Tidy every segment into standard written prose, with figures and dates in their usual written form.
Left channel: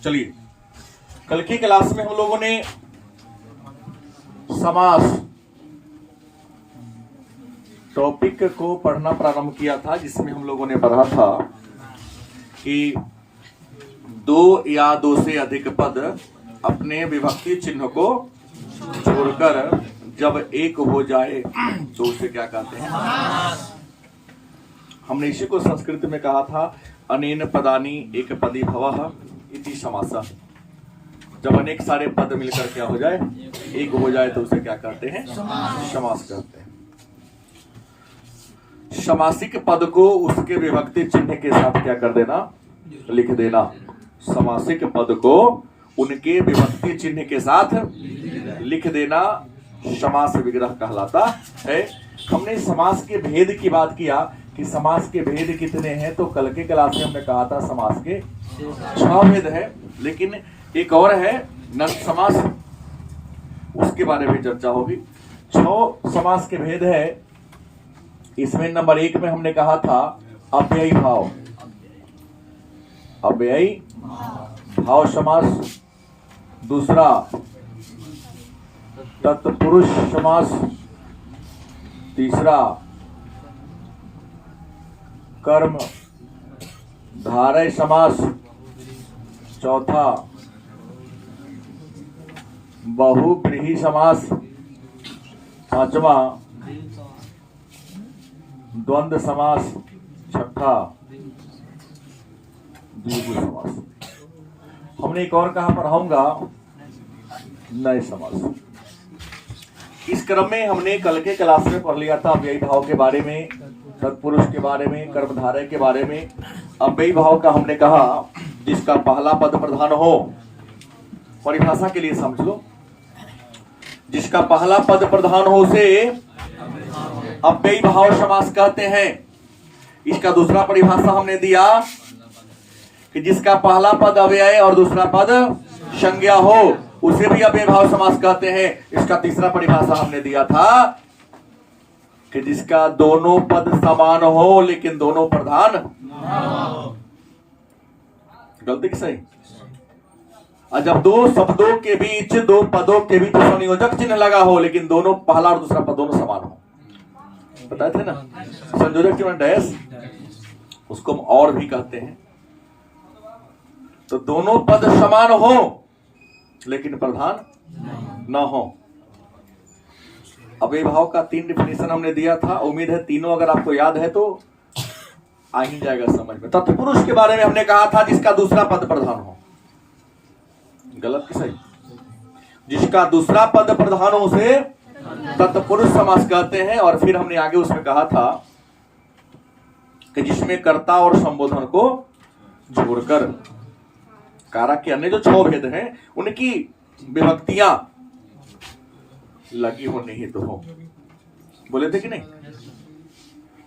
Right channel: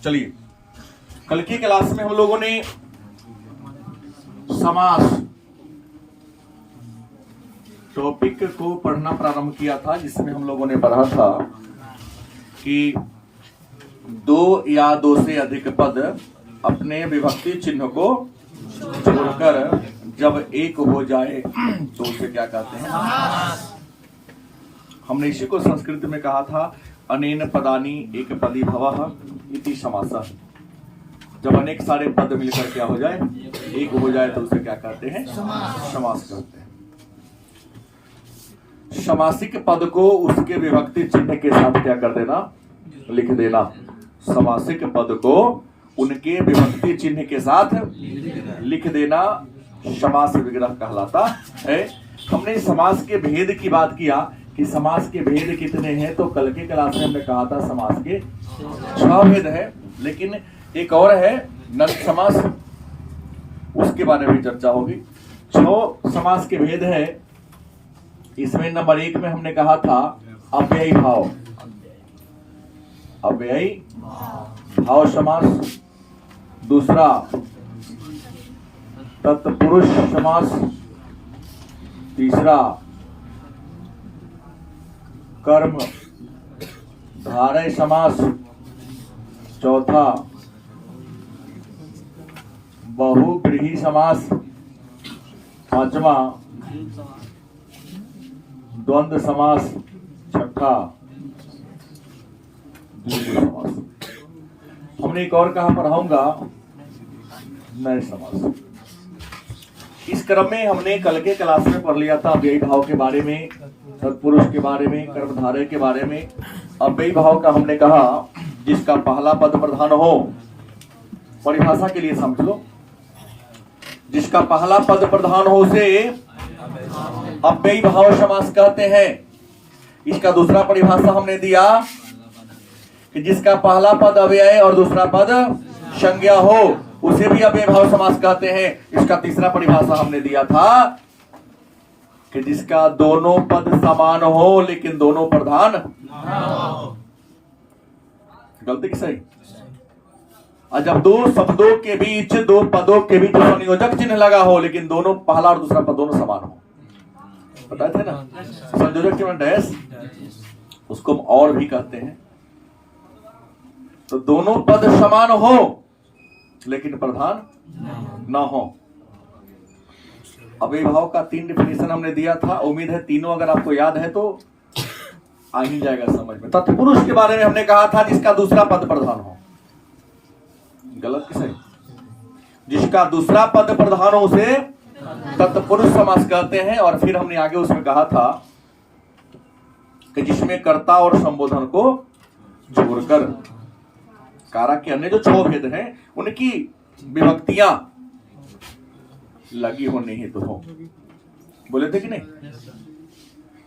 चलिए, कल की क्लास में हम लोगों ने समास टॉपिक को पढ़ना प्रारंभ किया था, जिसमें हम लोगों ने पढ़ा था कि दो या दो से अधिक पद अपने विभक्ति चिन्ह को छोड़कर जब एक हो जाए तो उसे क्या कहते हैं? हमने इसी को संस्कृत में कहा था, अनेन पदानी एक पदी भवः इति समासः। जब अनेक सारे पद मिलकर क्या हो जाए, एक हो जाए तो उसे क्या कहते हैं? समास कहते हैं। समासिक पद को उसके विभक्ति चिन्ह के साथ क्या कर देना? लिख देना। समासिक पद को उनके विभक्ति चिन्ह के साथ लिख देना समास विग्रह कहलाता है। हमने समास के भेद की बात किया कि समास के भेद कितने हैं, तो कल के क्लास में हमने कहा था समास के 6 भेद है, लेकिन एक और है नष्ट समास, उसके बारे में चर्चा होगी। 6 समास के भेद है। इसमें नंबर 1 में हमने कहा था अव्ययी भाव, अव्ययी भाव समास। दूसरा तत्पुरुष समास। तीसरा कर्म धारय समास। चौथा बहुव्रीहि समास। पांचवा द्वंद्व समास। छठा द्विगु समास। हमने एक और कहा पढ़ाऊंगा नए समास। इस क्रम में हमने कल के क्लास में पढ़ लिया था अव्ययी भाव के बारे में, तत्पुरुष के बारे में, कर्मधारय के बारे में। अव्ययी भाव का हमने कहा जिसका पहला पद प्रधान हो, परिभाषा के लिए समझ लो, जिसका पहला पद प्रधान हो उसे अव्ययी भाव समास कहते हैं। इसका दूसरा परिभाषा हमने दिया कि जिसका पहला पद अव्यय और दूसरा पद संज्ञा हो उसे भी अव्ययी भाव समास कहते हैं। इसका तीसरा परिभाषा हमने दिया था कि जिसका दोनों पद समान हो लेकिन दोनों प्रधान गलती की सही। और जब दो शब्दों के बीच, दो पदों के बीच संयोजक चिन्ह लगा हो लेकिन दोनों पहला और दूसरा पद दोनों समान हो, बताए थे ना, संयोजक के डैश, उसको हम और भी कहते हैं। तो दोनों पद समान हो लेकिन प्रधान न हो। अव्ययी भाव का 3 डिफिनेशन हमने दिया था। उम्मीद है तीनों अगर आपको याद है तो आ ही जाएगा समझ में। तत्पुरुष के बारे में हमने कहा था जिसका दूसरा पद प्रधान हो। गलत कि सही? जिसका दूसरा पद प्रधान हो उसे तत्पुरुष समास कहते हैं। और फिर हमने आगे उसमें कहा था कि जिसमें कर्ता और संबोधन को जोड़कर कारक के अन्य जो 6 भेद हैं उनकी विभक्तियां लगी होनी ही तो हो। बोले थे कि नहीं?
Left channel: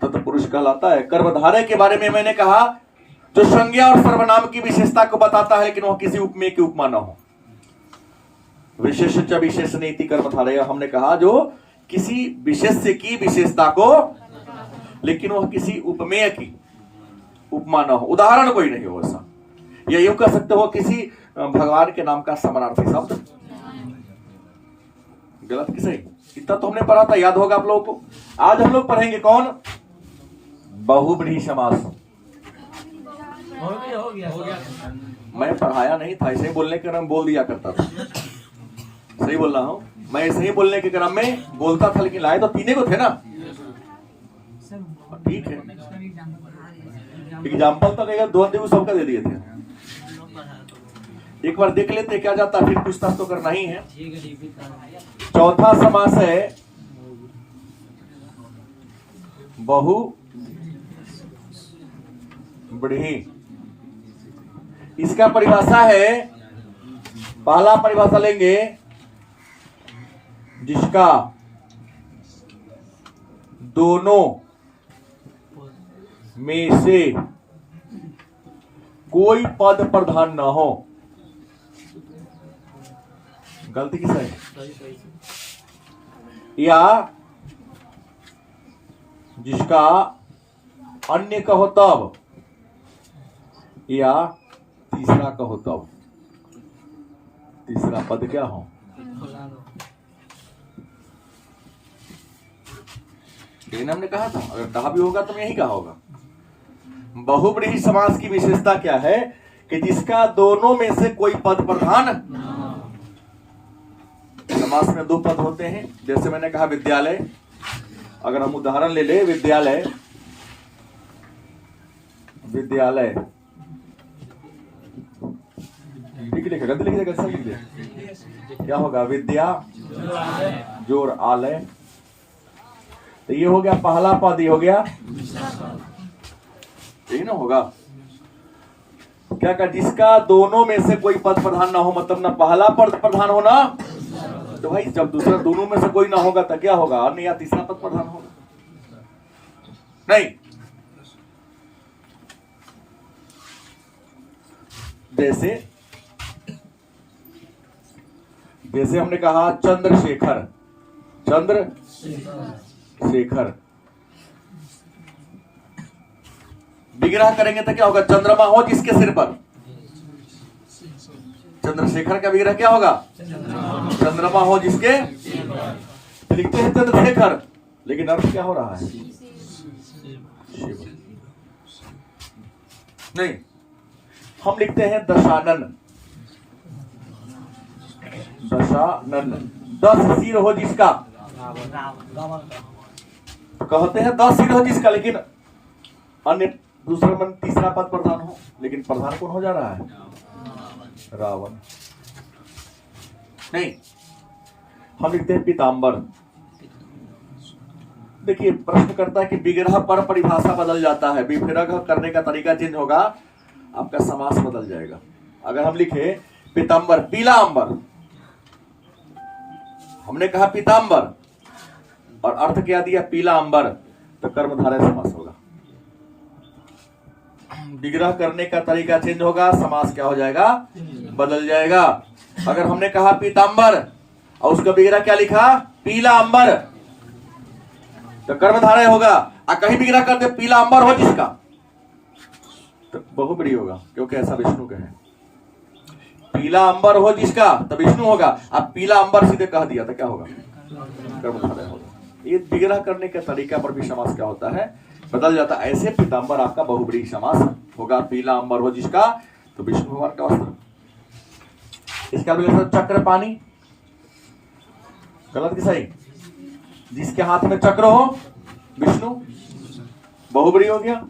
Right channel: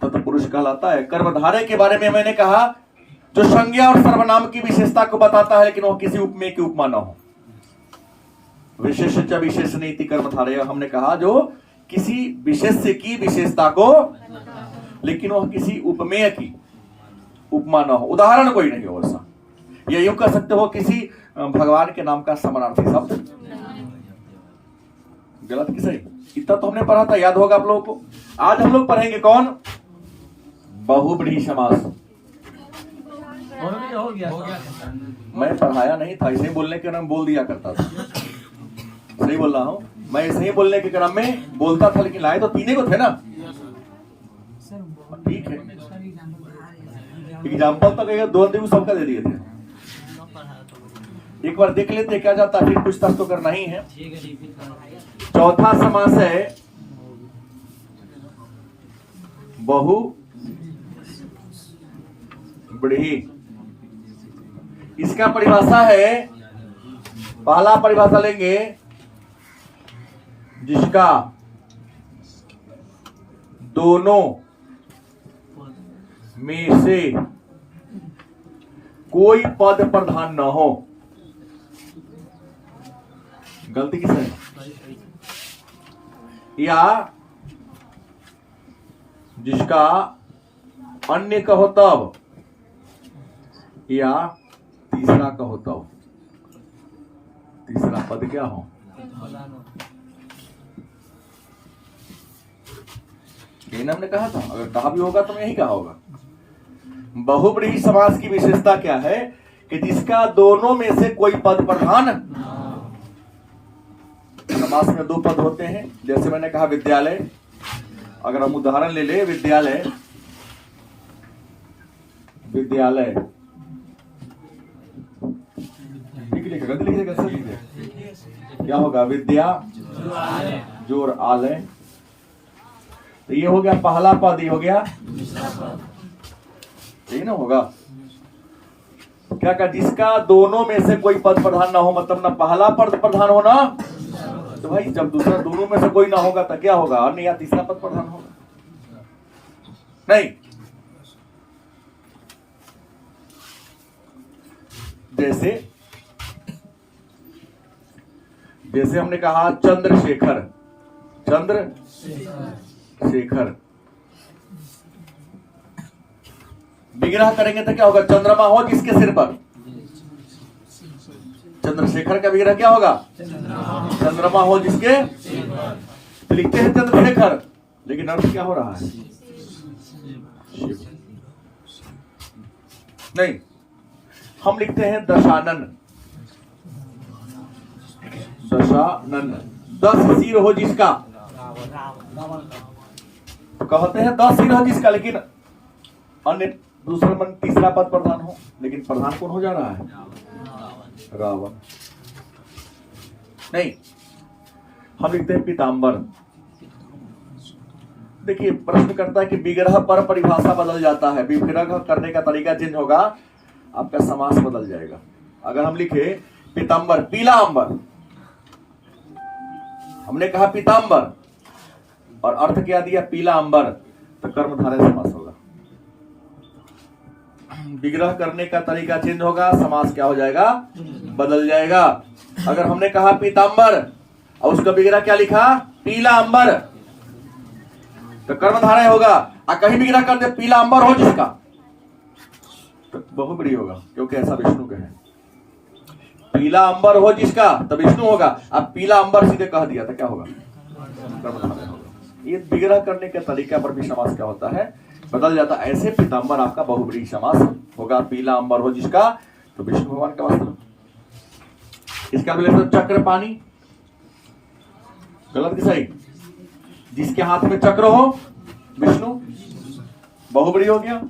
तत्पुरुष कहलाता है। कर्मधारय के बारे में मैंने कहा जो संज्ञा और सर्वनाम की विशेषता को बताता है लेकिन वह किसी उपमेय की उपमा न हो। विशेष च विशेष नीति कर्मधारय हमने कहा जो किसी विशेष्य की विशेषता को लेकिन वह किसी उपमेय की उपमा न हो। उदाहरण कोई नहीं हो ऐसा। या यूं कह सकते हो किसी भगवान के नाम का समानार्थी शब्द। गलत कि सही? इतना तो हमने पढ़ा था, याद होगा आप लोगों को। आज हम लोग पढ़ेंगे कौन? बहुव्रीहि समास। मैं पढ़ाया नहीं था, ऐसे ही बोलने के क्रम में बोल दिया करता था। सही बोल रहा हूं? मैं ऐसे ही बोलने के क्रम में बोलता था, लेकिन लाए तो तीनों को थे ना। ठीक है, एग्जाम्पल तो कहेगा 2 दिन सबका दे दिए थे। एक बार देख लेते क्या जाता, फिर पूछताछ तो करना ही है। चौथा समास है बहुव्रीहि। इसका परिभाषा है, पहला परिभाषा लेंगे जिसका दोनों में से कोई पद प्रधान न हो। गलती किस है? या जिसका अन्य कहो तब या तीसरा कहो तब। तीसरा पद क्या हो? यही ना हमने कहा था, अगर कहा भी होगा तो यही कहा होगा। बहुब्रीहि समास की विशेषता क्या है कि जिसका दोनों में से कोई पद प्रधान। समास में दो पद होते हैं, जैसे मैंने कहा विद्यालय, अगर हम उदाहरण ले ले विद्यालय, विद्यालय ठीक लिखेगा, गलत लिखेगा, सही लिखेगा, क्या होगा? विद्या जोर आलय, तो ये हो गया पहला पद, ये हो गया, यही ना होगा। क्या कहा? जिसका दोनों में से कोई पद प्रधान ना हो, मतलब ना पहला पद प्रधान हो ना, तो भाई जब दूसरा दोनों में से कोई ना होगा तो क्या होगा? अन्य या तीसरा पद प्रधान होगा। नहीं, जैसे हमने कहा चंद्रशेखर, चंद्रशेखर, विग्रह करेंगे तो क्या होगा? चंद्रमा हो जिसके सिर पर, चंद्रशेखर का विग्रह क्या होगा? चंद्रमा हो जिसके, तो लिखते हैं चंद्रशेखर, लेकिन अर्थ क्या हो रहा है? शिव। नहीं, हम लिखते हैं दशानन, दशानन, 10 सिर हो जिसका, तो कहते हैं 10 सिर हो जिसका, लेकिन अन्य दूसरा मन तीसरा पद प्रधान हो, लेकिन प्रधान कौन हो जा रहा है? रावण। नहीं, हम लिखते हैं पीताम्बर। देखिए प्रश्न करता है कि विग्रह पर परिभाषा बदल जाता है, विग्रह करने का तरीका चेंज होगा, आपका समास बदल जाएगा। अगर हम लिखे पीताम्बर, पीला अंबर, हमने कहा पीताम्बर और अर्थ क्या दिया? पीला अंबर, तो कर्मधारय समास होगा। विग्रह करने का तरीका चेंज होगा, समास क्या हो जाएगा? बदल जाएगा। अगर हमने कहा पीताम्बर और उसका विग्रह क्या लिखा? पीला अंबर, तो कर्मधारय होगा। और कहीं विग्रह कर दे पीला अंबर हो जिसका, तो बहुब्रीहि होगा, क्योंकि ऐसा विष्णु कहे। पीला अंबर हो जिसका, तो विष्णु होगा। अब पीला अंबर सीधे कह दिया तो क्या होगा? कर्मधारय होगा। ये विग्रह करने के तरीका पर भी समास क्या होता है? बदल जाता है। ऐसे पीताम्बर आपका बहुब्रीहि समास होगा। पीला अंबर हो जिसका, तो विष्णु भगवान का वस्त्र। इसका विशेषण चक्र पानी, गलत कि सही? जिसके हाथ में चक्र हो विष्णु, बहुब्रीहि हो गया।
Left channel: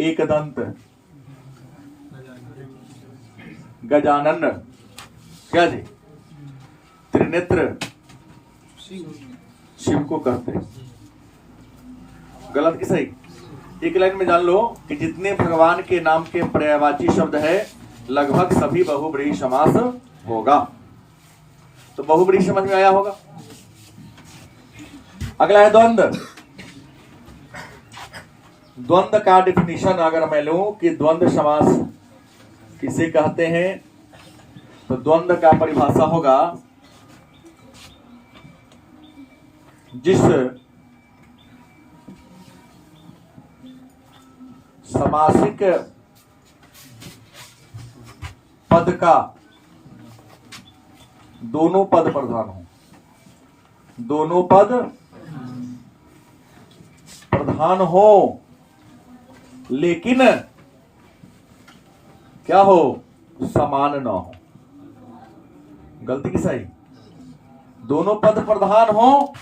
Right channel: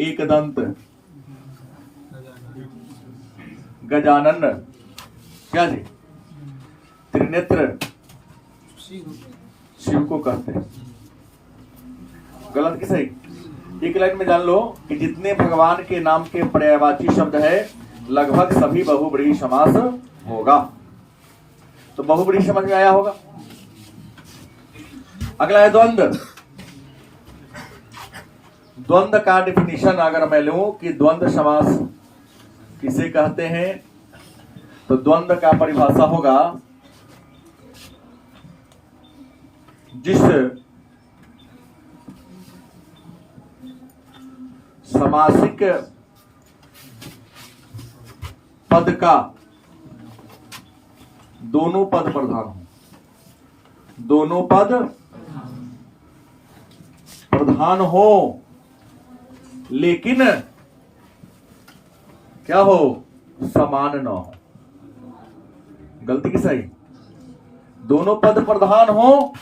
एक दंत, गजानन, क्या जी? त्रिनेत्र, शिव को कहते हैं। गलत कि सही? एक लाइन में जान लो कि जितने भगवान के नाम के पर्यायवाची शब्द है लगभग सभी बहुब्रीहि समास होगा। तो बहुब्रीहि समझ में आया होगा। अगला है द्वंद्व। द्वंद्व का डिफिनीशन अगर मैं लूं कि द्वंद्व समास किसे कहते हैं, तो द्वंद्व का परिभाषा होगा जिस समासिक पद का दोनों पद प्रधान हो, दोनों पद प्रधान हो, लेकिन क्या हो? समान ना हो। गलती की सही? दोनों पद प्रधान हो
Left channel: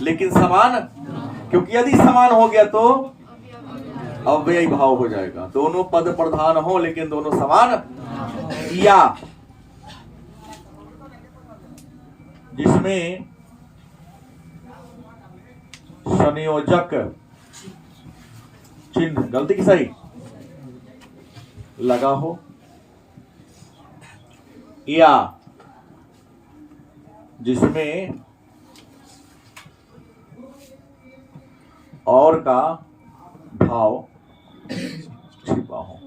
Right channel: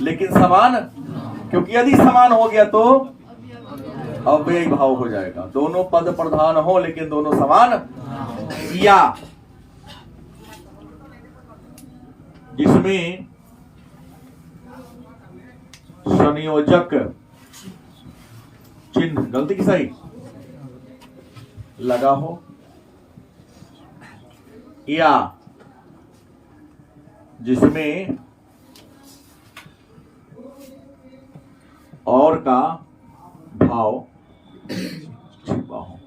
लेकिन समान, क्योंकि यदि समान हो गया तो अव्ययी भाव हो जाएगा। दोनों पद प्रधान हो लेकिन दोनों समान, या जिसमें संयोजक चिन्ह, गलती की सही, लगा हो, या जिसमें और का भाव छिपा हो।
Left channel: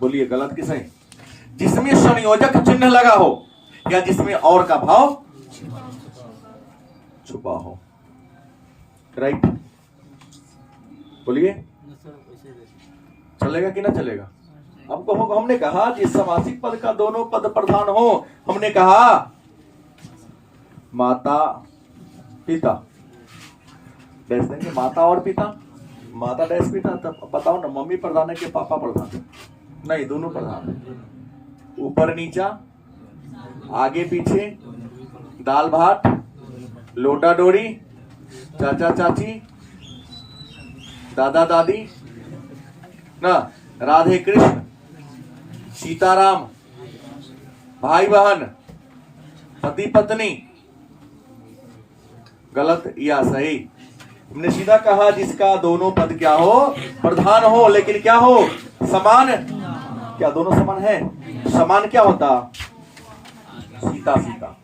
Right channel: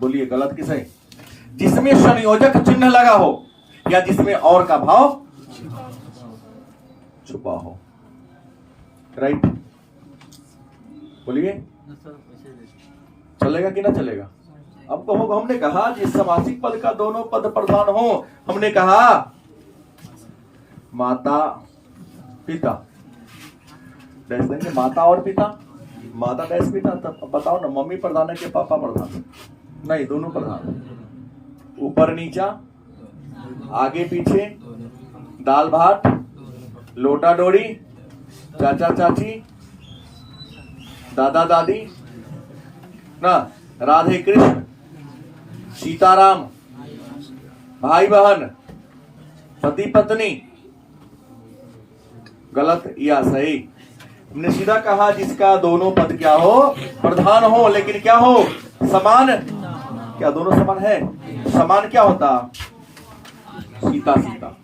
बोलिए गलत कि सही? जिसमें संयोजक चिन्ह लगा हो या जिसमें और का भाव छुपा हो। राइट? बोलिए, चलेगा कि ना चलेगा? हमने कहा कि समासिक पद का दोनों पद प्रधान हो। हमने कहा माता पिता, डैश देंगे माता और पिता, माता डैश पिता। तब बताओ ना, मम्मी प्रधान है कि पापा प्रधान? नहीं, दोनों प्रधान। ऊपर नीचा, आगे पीछे, दाल भात, लोटा डोरी, चाचा चाची, दादा दादी ना, राधे कृष्ण, सीताराम, भाई बहन, पति पत्नी। गलत या सही? हमने सीधा कहा जिसका दोनों पद क्या हो, प्रधान हो, लेकिन क्या हो, समान। क्या दोनों समान है? समान क्या होता? सीता सीता,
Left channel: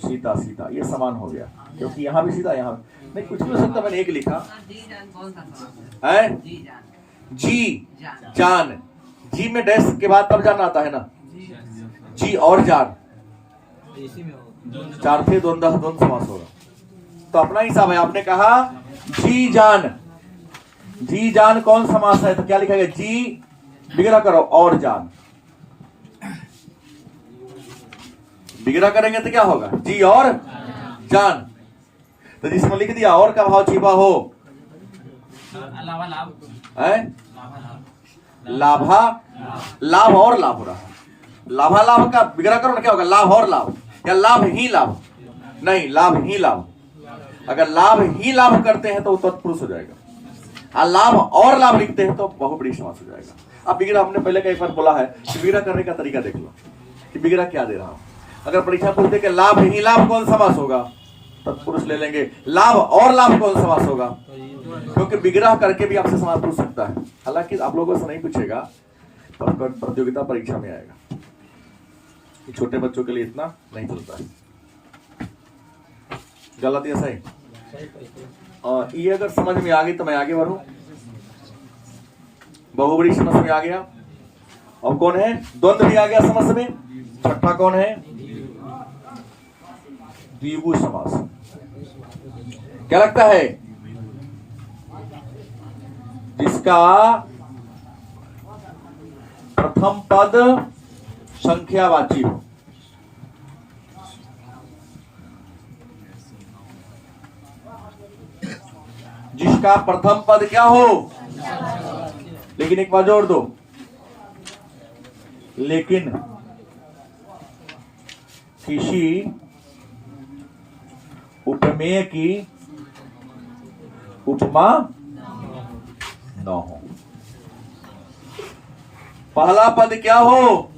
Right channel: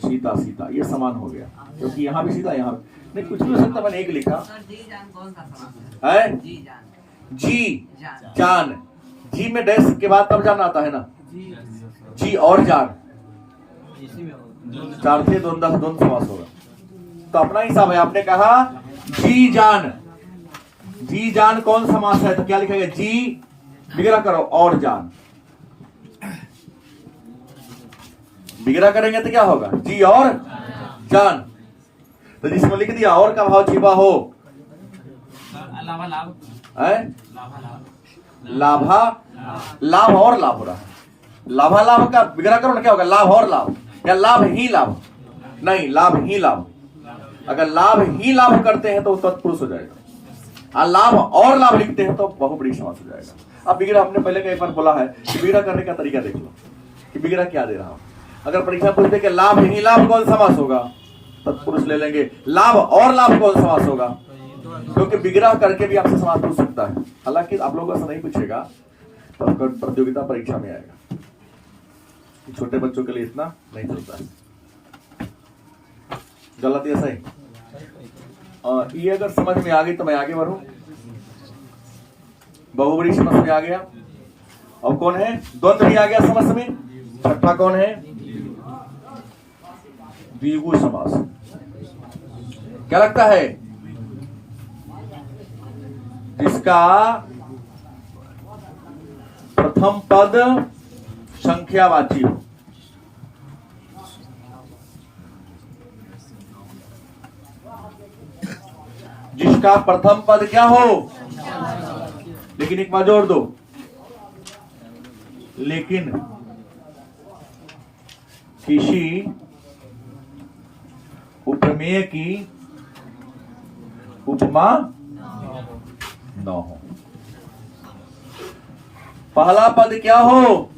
सीता सीता, ये समान हो गया, क्योंकि यहाँ भी सीता, यहाँ नहीं, कुछ भी हो सकता। मैंने एक लिखा है, जी जान। जी में डैश के बाद तब जान आता है ना, जी और जान, चार थे, दोनों समास होगा। तो अपना हिसाब है। आपने कहा जी जान, जी जान कौन समास है? तो क्या लिखेगा? जी बिगड़ा करो और जान, बिगड़ा करेंगे तो क्या होगा? जी और जान। तो जिसमें लिख दिया और का भाव छिपा हो, लाभा लाभ और लाभ हो रहा है। लाभा लाभ का बिगड़ा करो ना, क्या होगा? लाभ और लाभ, या लाभ ही लाभ? नहीं, लाभ ही लाभ। अगर लाभ ही लाभ करते हैं तो तत्पुरुष हो जाएगा, और लाभ और लाभ लिखते हैं तो बहुब्रीहि समास हो जाएगा। अब बिगड़ा हमने पहले कई बार बोला है कि बिगड़ा करने का तरीका देख लो कि बिगड़ा क्या दे रहा हूं। अगर परीक्षा पूछते कि लाभ ही लाभ कौन समास होगा, तत्पुरुष ले लेंगे। लाभ और लाभ कौन समास होगा? क्योंकि बिगड़ा करके भी आपसे समास पूछ सकता है। हालांकि आप लोगों से नहीं पूछेगा, तो प्रतियोगिता परीक्षा में आएगा। छोटे बच्चों के लिए इतना नहीं चलता है। गलत या सही? ये अगर समझ में आ गई तो मैं आगे बढ़ूं। बहुब्रीहि समझ में आ गया। और कौन है? द्वंद्व भी आ गया समझ में। छठा कौन है? द्विगु समास। क्या लगता है? जिसका प्रथम पद संख्यावाची हो। जिसका प्रथम पद क्या हो? लेकिन एक बार जोड़ दो, लेकिन किसी उपमेय की उपमा न हो। पहला पद क्या हो?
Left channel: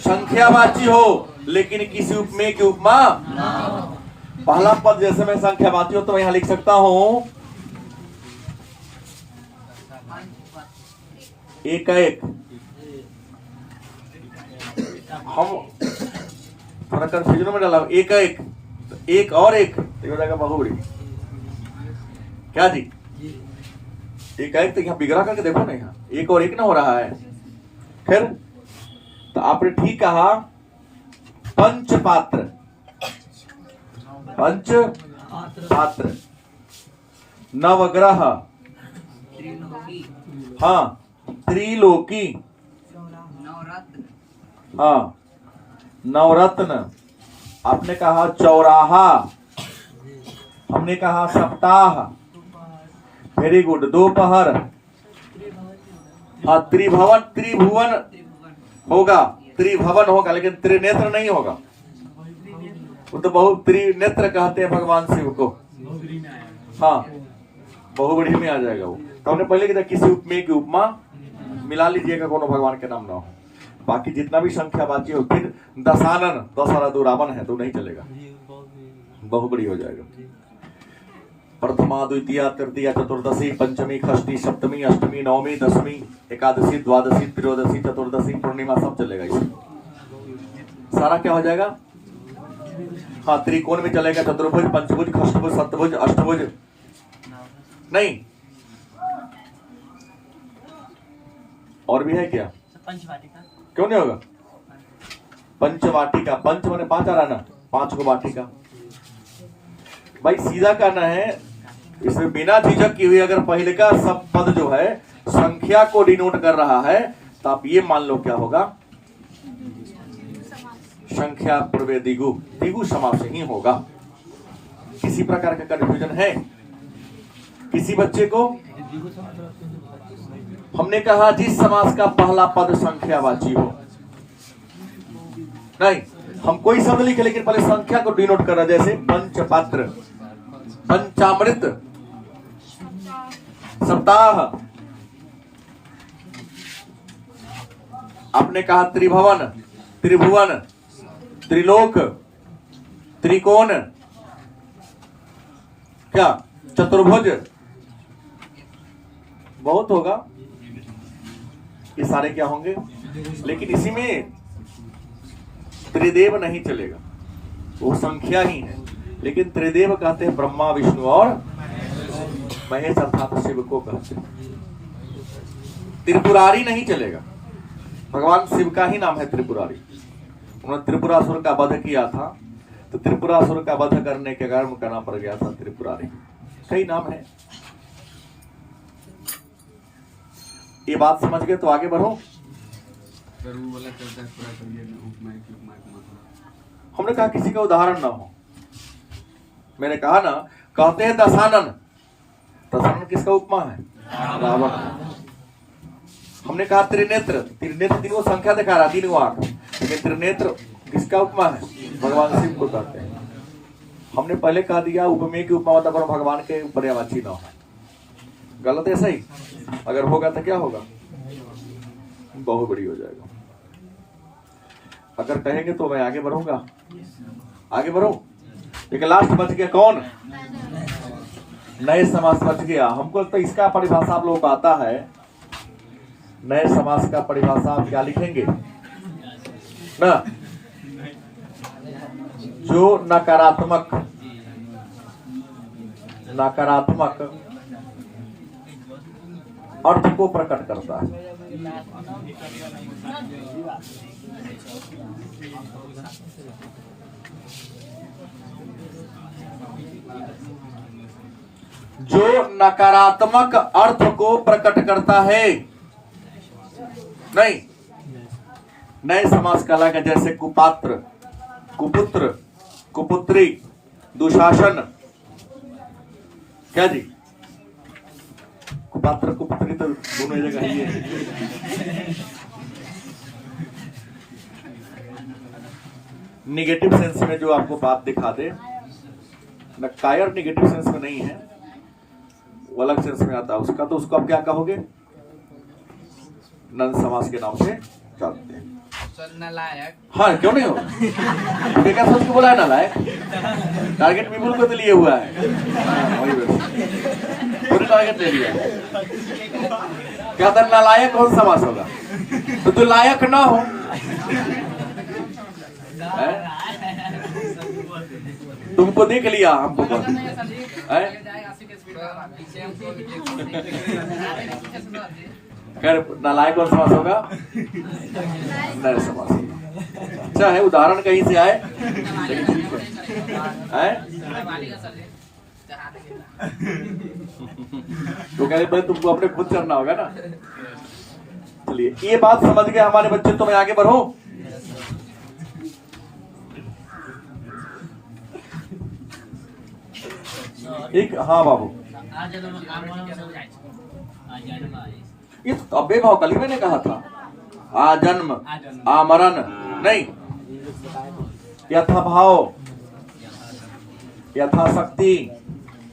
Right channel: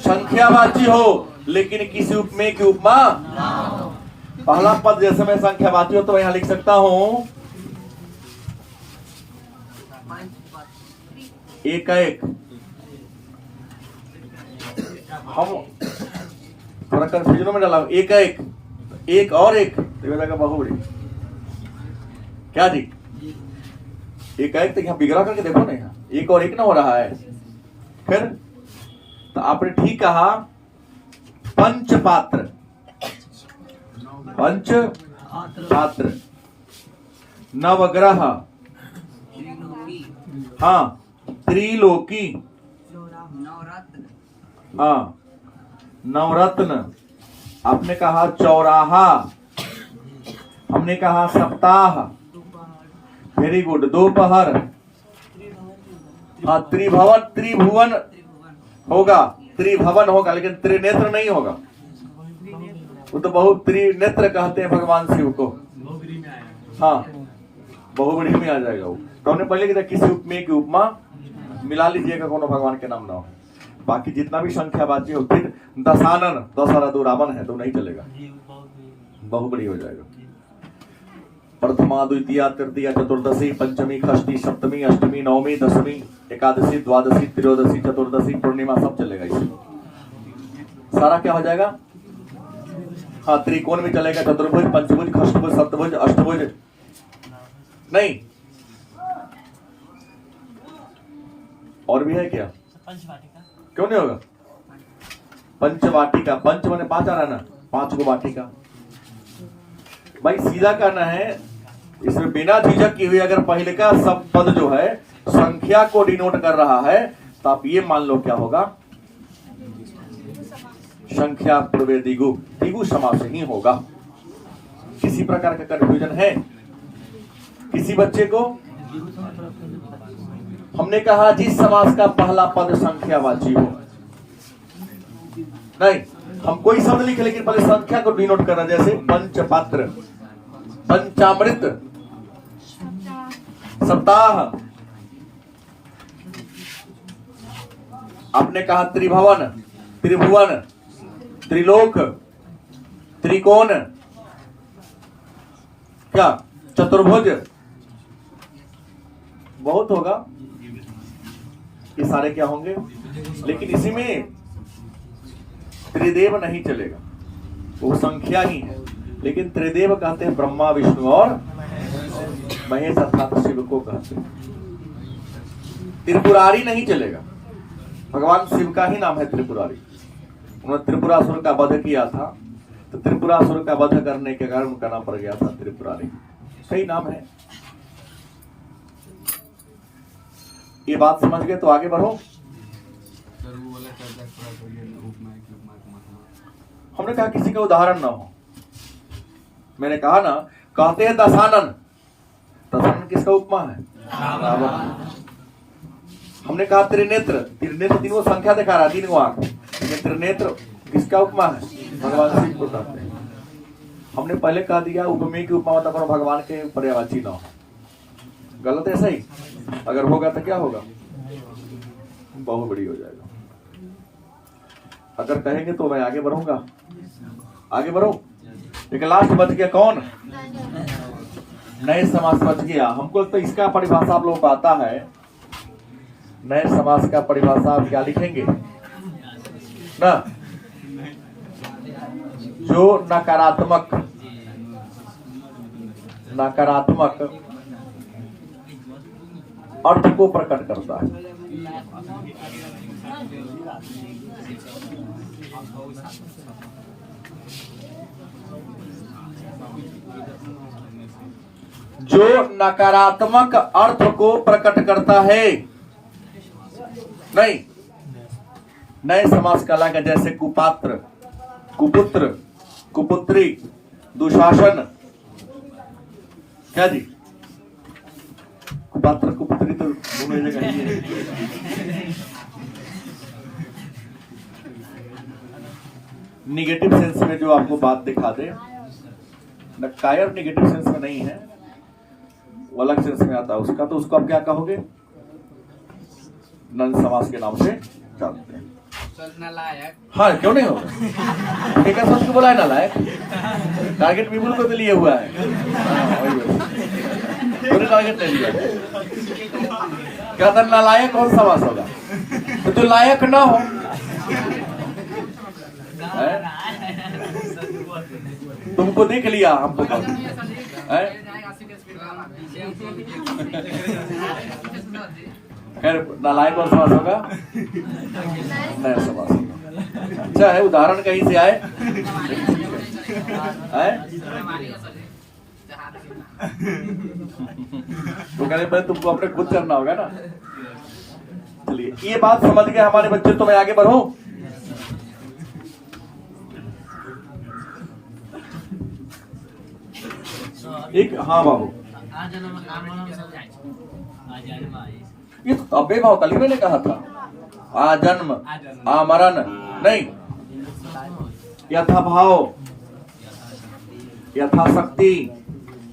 संख्यावाची हो, लेकिन किसी उपमेय की उपमा। पहला पद जैसे मैं संख्यावाची हो तो मैं यहां लिख सकता हूं एक एक। हम थोड़ा कंफ्यूजन में डाला, एक एक, एक और एक हो जाएगा बहुब्रीहि। क्या जी? एक एक तो यहाँ बिगड़ा करके देखो ना, यहाँ एक और एक ना हो रहा है। खैर, तो आपने ठीक कहा। पंचपात्र, पंच पात्र, नवग्रह, हाँ, त्रिलोकी, हाँ, नवरत्न, आपने कहा चौराहा, हमने कहा सप्ताह, वेरी गुड, दोपहर, त्रिभवन, त्रिभुवन होगा, त्रिभवन होगा, लेकिन त्रिनेत्र नहीं होगा। वो तो बहुत त्रिनेत्र कहते हैं भगवान शिव को। हाँ, बहुब्रीहि में आ जाएगा वो। तो हमने पहले कहा किसी उपमेय की उपमा मिला लीजिएगा, कोनो भगवान के नाम ना हो। बाकी जितना भी संख्यावाची हो, फिर दशानन, 10 और 2 रावण है तो नहीं चलेगा, बहुब्रीहि हो जाएगा। प्रथमा, द्वितीय, तृतीय, चतुर्दशी, पंचमी, षष्ठी, सप्तमी, अष्टमी, नवमी, दशमी, एकादशी, द्वादशी, त्रयोदशी, चतुर्दशी, पूर्णिमा, सब चलेगा इसमें। सारा क्या हो जाएगा? हाँ, त्रिकोण में चलेगा, चतुर्भुज, पंचभुज, षष्ठभुज, सप्तभुज, अष्टभुज नहीं। और भी है क्या? पंचवाटिका क्यों नहीं होगा? पंचवाटिका, पंच माने 5 आ रहा ना, 5 को वाटिका। भाई सीधा करना है, इसमें बिना झिझक की हुई अगर पहले का सब पद जो है संख्या को डिनोट कर रहा है तो आप ये मान लो क्या होगा, संख्या पूर्वे दिगु, दिगु समास ही होगा। किसी प्रकार का कंफ्यूजन है किसी बच्चे को? हमने कहा जिस समास का पहला पद संख्यावाची हो, नहीं हम कोई शब्द लिखे लेकिन पहले संख्या को डिनोट कर रहा, जैसे पंचपात्र, पंचामृत, सप्ताह। आपने कहा त्रिभुवन, त्रिभुवन, त्रिलोक, त्रिकोण, क्या चतुर्भुज, बहुत होगा, ये सारे क्या होंगे। लेकिन इसी में त्रिदेव नहीं चलेगा, वो संख्या ही है। लेकिन त्रिदेव कहते हैं ब्रह्मा, विष्णु और महेश अर्थात शिव को कहते हैं। त्रिपुरारी नहीं चलेगा, भगवान शिव का ही नाम है त्रिपुरारी। उन्होंने त्रिपुरासुर का वध किया था, तो त्रिपुरासुर का वध करने के कारण उनका नाम पड़ गया था त्रिपुरारी। कई नाम है। ये बात समझ गए तो आगे बढ़ो। हमने कहा किसी का उदाहरण ना हो। मैंने कहा ना, कहते हैं दशानन, दशानन किसका उपमा है? रावण। हमने कहा त्रिनेत्र, त्रिनेत्र तीनों संख्या दिखा रहा, तीन आंख, लेकिन त्रिनेत्र किसका उपमा है? भगवान शिव को कहते हैं। हमने पहले कह दिया उपमेय की उपमा मतलब करो भगवान के पर्यायवाची ना हो। गलत है सही? अगर होगा तो क्या होगा? बहुत बड़ी हो जाएगा। अगर कहेंगे तो मैं आगे बढ़ूंगा, आगे बढ़ू। लेकिन लास्ट बच गया कौन? नए समास बच गया। हमको तो इसका परिभाषा आप लोगों को आता है। नए समास का परिभाषा आप क्या लिखेंगे ना? जो नकारात्मक अर्थ को प्रकट करता है। जो नकारात्मक अर्थ को प्रकट करता है, नहीं नए समास का लगा, जैसे कुपात्र, कुपुत्र, कुपुत्री, दुशासन। क्या जी? कुपात्र कुपुत्री तो दोनों जगह ही है। निगेटिव सेंस में जो आपको बात दिखा दे न, कायर निगेटिव सेंस में नहीं है, वो अलग सेंस में आता है उसका, तो उसको आप क्या कहोगे? नंद समास के नाम से जानते हैं। हाँ क्यों नहीं होगा? क्या सोच के बोला है नालायक? टारगेट पीपल को तो लिए हुआ है। वही पूरे टारगेट ले लिया। क्या था नालायक कौन समास होगा? तो जो लायक ना हो, तुमको देख लिया, हमको खैर नालायक और समास होगा, नया समास होगा। अच्छा है, उदाहरण कहीं से आए तो कहते पहले तुमको अपने खुद करना होगा ना। चलिए ये बात समझ गए हमारे बच्चे, तो मैं आगे बढ़ूं। एक हाँ बाबू, ये तो अबे भाव कल मैंने कहा था, आजन्म आमरण नहीं, यथा भाव, यथाशक्ति,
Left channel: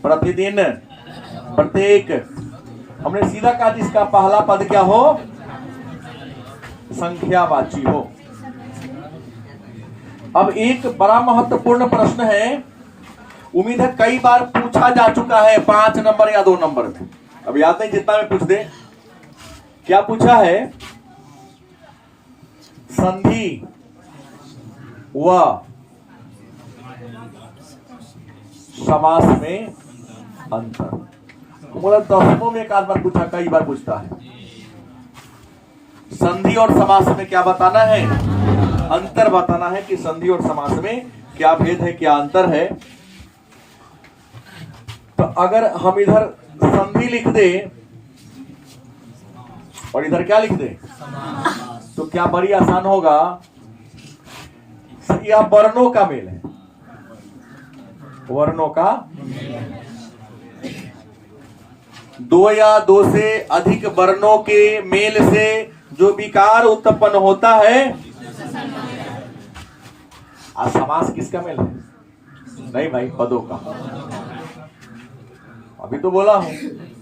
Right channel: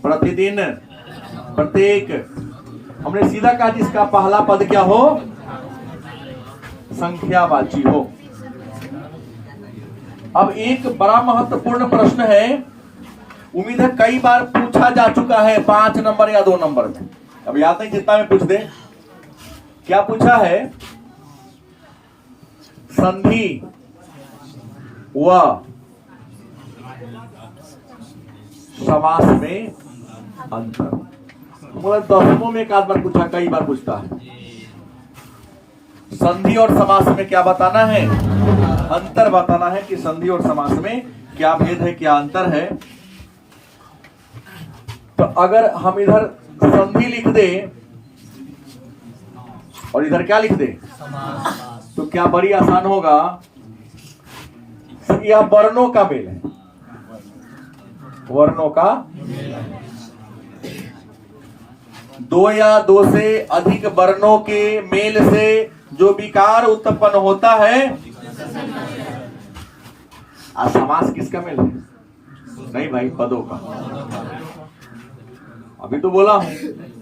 प्रतिदिन, प्रत्येक। हमने सीधा कहा जिसका पहला पद क्या हो? संख्यावाची हो। अब एक बड़ा महत्वपूर्ण प्रश्न है, उम्मीद है कई बार पूछा जा चुका है 5 नंबर या 2 नंबर में। अब याद नहीं, जितना में पूछ दे। क्या पूछा है? संधि व समास में अंतर। मतलब 10 में एक आध बार पूछा, कई बार पूछता है। संधि और समास में क्या बताना है? अंतर बताना है कि संधि और समास में क्या भेद है, क्या अंतर है। तो अगर हम इधर संधि लिख दे और इधर क्या लिख दे, तो क्या बड़ी आसान होगा। यह वर्णों का मेल है, वर्णों का, दो या दो से अधिक वर्णों के मेल से जो विकार उत्पन्न होता है। समास किसका मेल है? नहीं भाई, पदों का। अभी तो बोला हूं,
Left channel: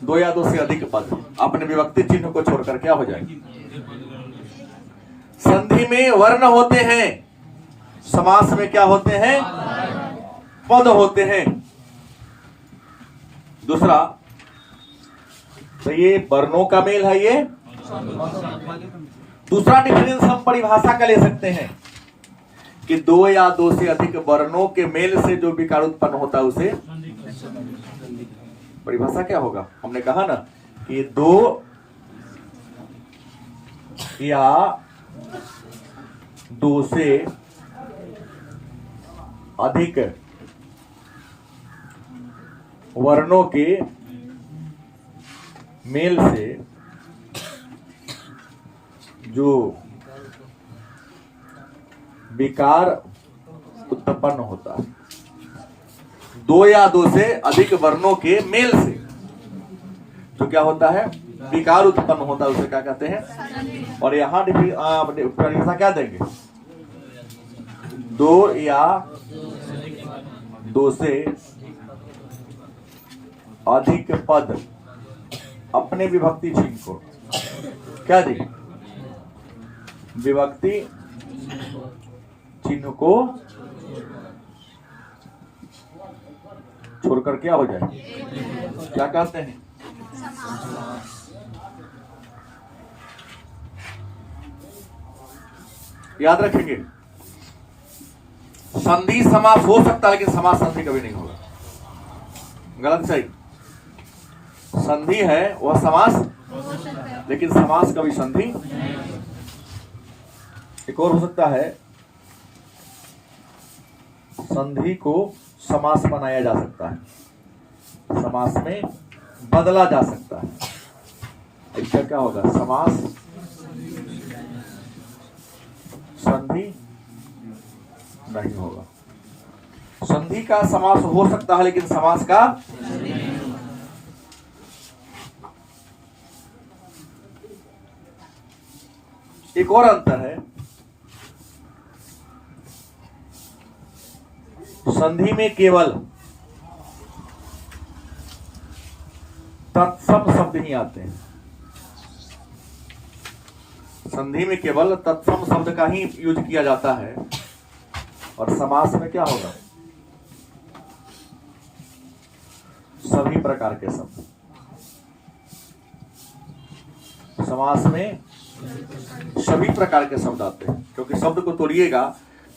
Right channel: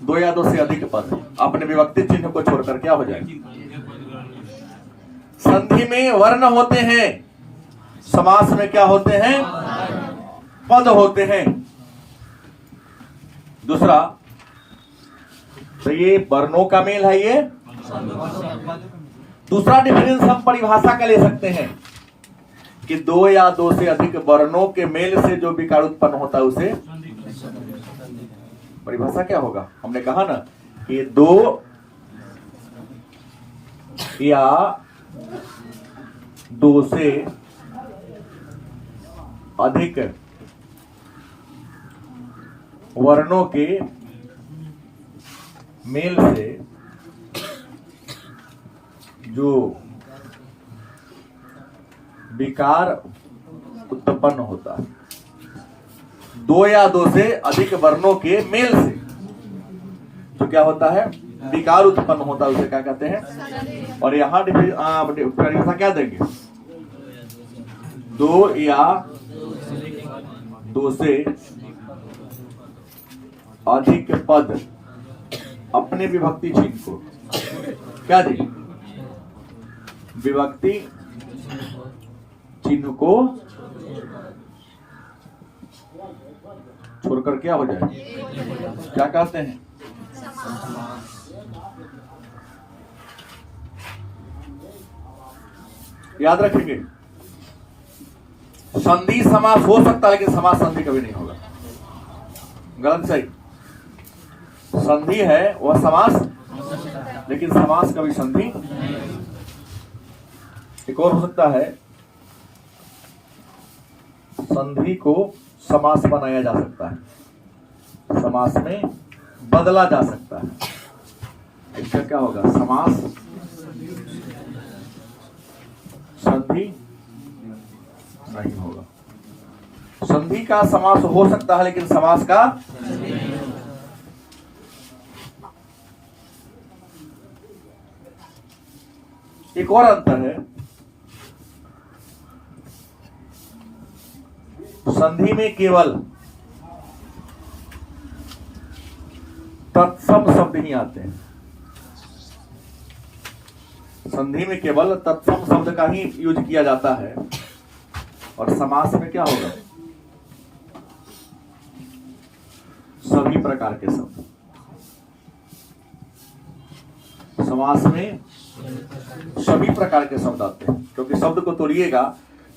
दो या दो से अधिक पद अपने विभक्ति चिन्ह को छोड़कर क्या हो जाएगी। संधि में वर्ण होते हैं, समास में क्या होते हैं? पद होते हैं। दूसरा, तो ये वर्णों का मेल है ये। दूसरा डिफरेंस हम परिभाषा का ले सकते हैं कि दो या दो से अधिक वर्णों के मेल से जो विकार उत्पन्न होता है उसे परिभाषा क्या होगा। हमने कहा ना कि दो या दो से अधिक वर्णों के मेल से जो विकार उत्पन्न होता है। दो या दो से अधिक वर्णों के मेल से जो क्या होता है, विकार उत्पन्न होता है, उसे क्या कहते हैं। और यहाँ परिभाषा क्या देंगे, दो या दो से अधिक पद अपने विभक्ति चिन्ह को क्या देंगे, विभक्ति चिन्ह को छोड़कर क्या हो जाए, क्या कहते हैं, याद रखेंगे। संधि समास हो सकता है लेकिन समास संधि कभी नहीं होगा। गलत सही, संधि है वह समास, लेकिन समास कभी संधि। एक और हो सकता है, संधि को समास बनाया जा सकता है, समास में बदला जा सकता है। इसका क्या होगा, समास संधि नहीं होगा। संधि का समास हो सकता है लेकिन समास का एक और अंतर है, संधि में केवल तत्सम शब्द ही आते हैं। संधि में केवल तत्सम शब्द का ही यूज किया जाता है। और समास में क्या होगा, सभी प्रकार के शब्द। समास में सभी प्रकार के शब्द आते हैं, क्योंकि शब्द को तोड़िएगा,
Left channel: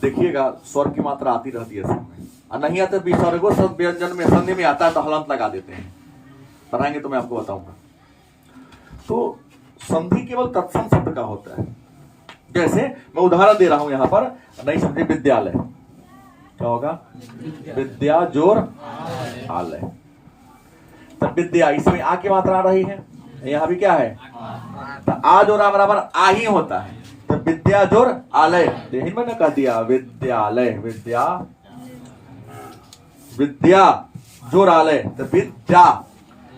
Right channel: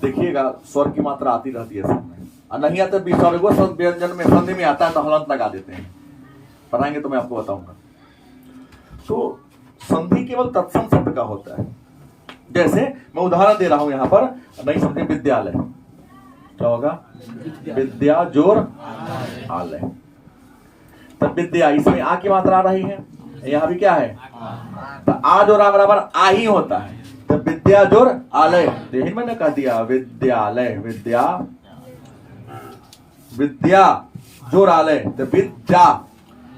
देखिएगा स्वर की मात्रा आती रहती है सब में, और नहीं आता विसर्गो शब्द व्यंजन में संधि में आता है तो हलंत लगा देते हैं। पढ़ाएंगे तो मैं आपको बताऊंगा। तो संधि केवल तत्सम शब्द का होता है। जैसे मैं उदाहरण दे रहा हूं यहां पर, नहीं समझे, विद्यालय क्या होगा, विद्या जोर आलय। तब विद्या, इसमें आ की मात्रा आ रही है, यहां भी क्या है, तो आ जोर आ बराबर आ ही होता है। तो विद्या जोर आलय, यही मैंने कह दिया, विद्यालय, विद्या, विद्या जोर आलय, तो विद्या,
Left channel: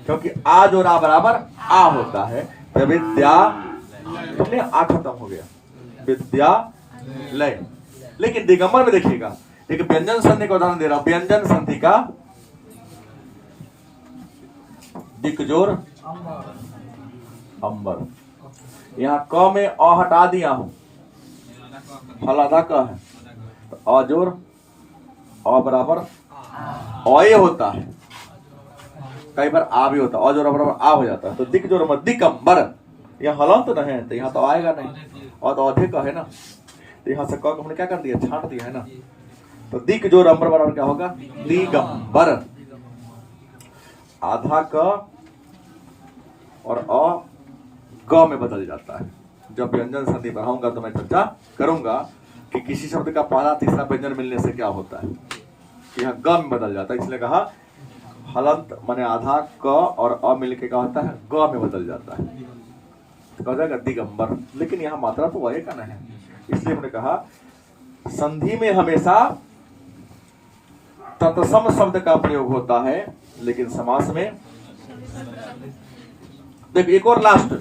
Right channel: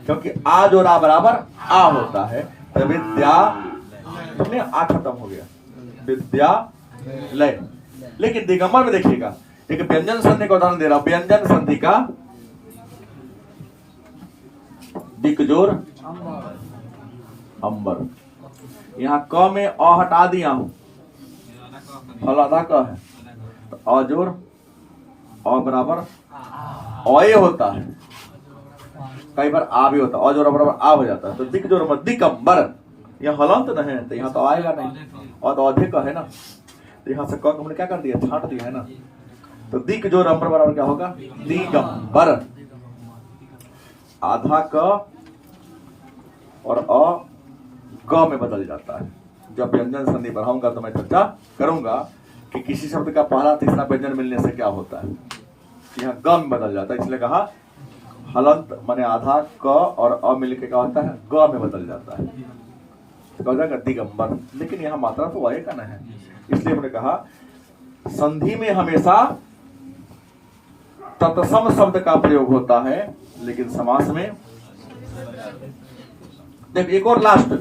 क्योंकि आ जोर आ बराबर आ होता है, तो विद्या, तुमने आ खत्म हो गया, विद्या लय। लेकिन दिगंबर में देखिएगा, एक व्यंजन संधि का उदाहरण दे रहा हूं। व्यंजन संधि का दिक जोर अंबर, यहां क में अ हटा दिया हूं, फलादा क है, तो अजोर अ बराबर अये होता है, कई बार आ भी होता है, अजोर बराबर आ हो जाता है, तो दिक जोर दिकंबर, यह हलंत न है तो यहां तो आएगा नहीं, और तो अधिक है ना, तो यहां से क हमने क्या कर दिया, छांट दिया है ना, तो दिक जोर अंबर बराबर क्या होगा, दिगंबर। आधा क और अ ग में बदल जाता है। जब व्यंजन संधि पढ़ाऊंगा तो मैं चर्चा करूंगा कि किसी शब्द का पहला तीसरा व्यंजन मिलने से क्या होता है, यह ग में बदल जाता है। इसलिए कहा हलंत माने आधा क और अ मिलके क्या होता है, ग में बदल जाता है। तो कहा जाएगा दिगंबर, लेकिन यहाँ मात्रा तो वाय का न है, इसलिए हमने कहा संधि में हमेशा तत्सम शब्द का प्रयोग होता है, लेकिन समास में देख एक और लास्ट,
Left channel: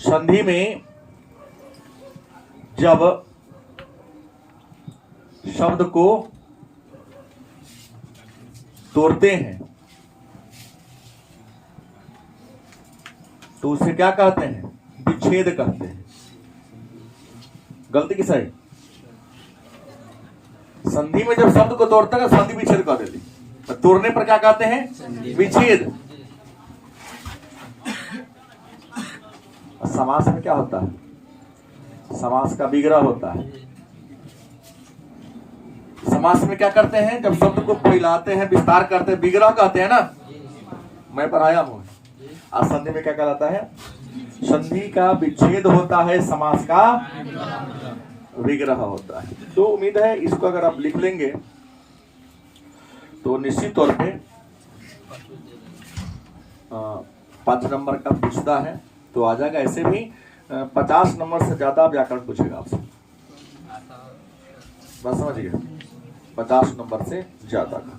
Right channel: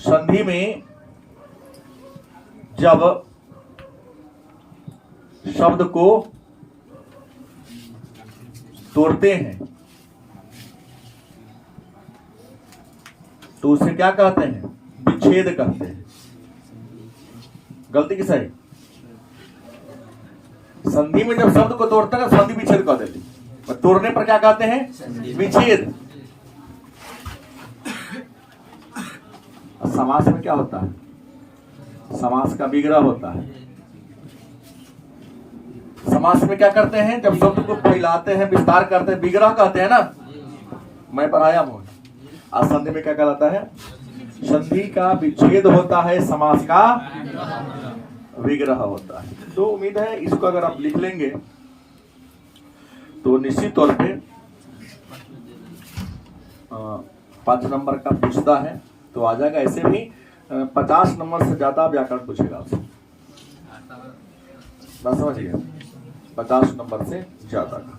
संधि में जब शब्द को तोड़ते हैं तो उसे क्या कहते हैं? विच्छेद कहते हैं। गलती किस है? संधि में जब शब्द को तोड़ते हैं संधि विच्छेद कर देती, तोड़ने पर क्या कहते हैं? विच्छेद। समास में क्या होता है? समास का विग्रह होता है। समास में क्या करते हैं? जब शब्द को फैलाते हैं, विस्तार करते हैं, विग्रह कहते हैं ना, मैं बनाया हूं। और संधि में क्या कहलाता है? संधि का विच्छेद होता है, समास का विग्रह होता है। तो उम्मीद है इसको अगर आप लिख लेंगे तो निश्चित तौर पे 5 नंबर का पूछता है तो आ जाएगा। ऐसे भी 50 नंबर से ज्यादा व्याकरण पूछेगा आपसे, बस समझिए, 50 नंबर से ज्यादा का।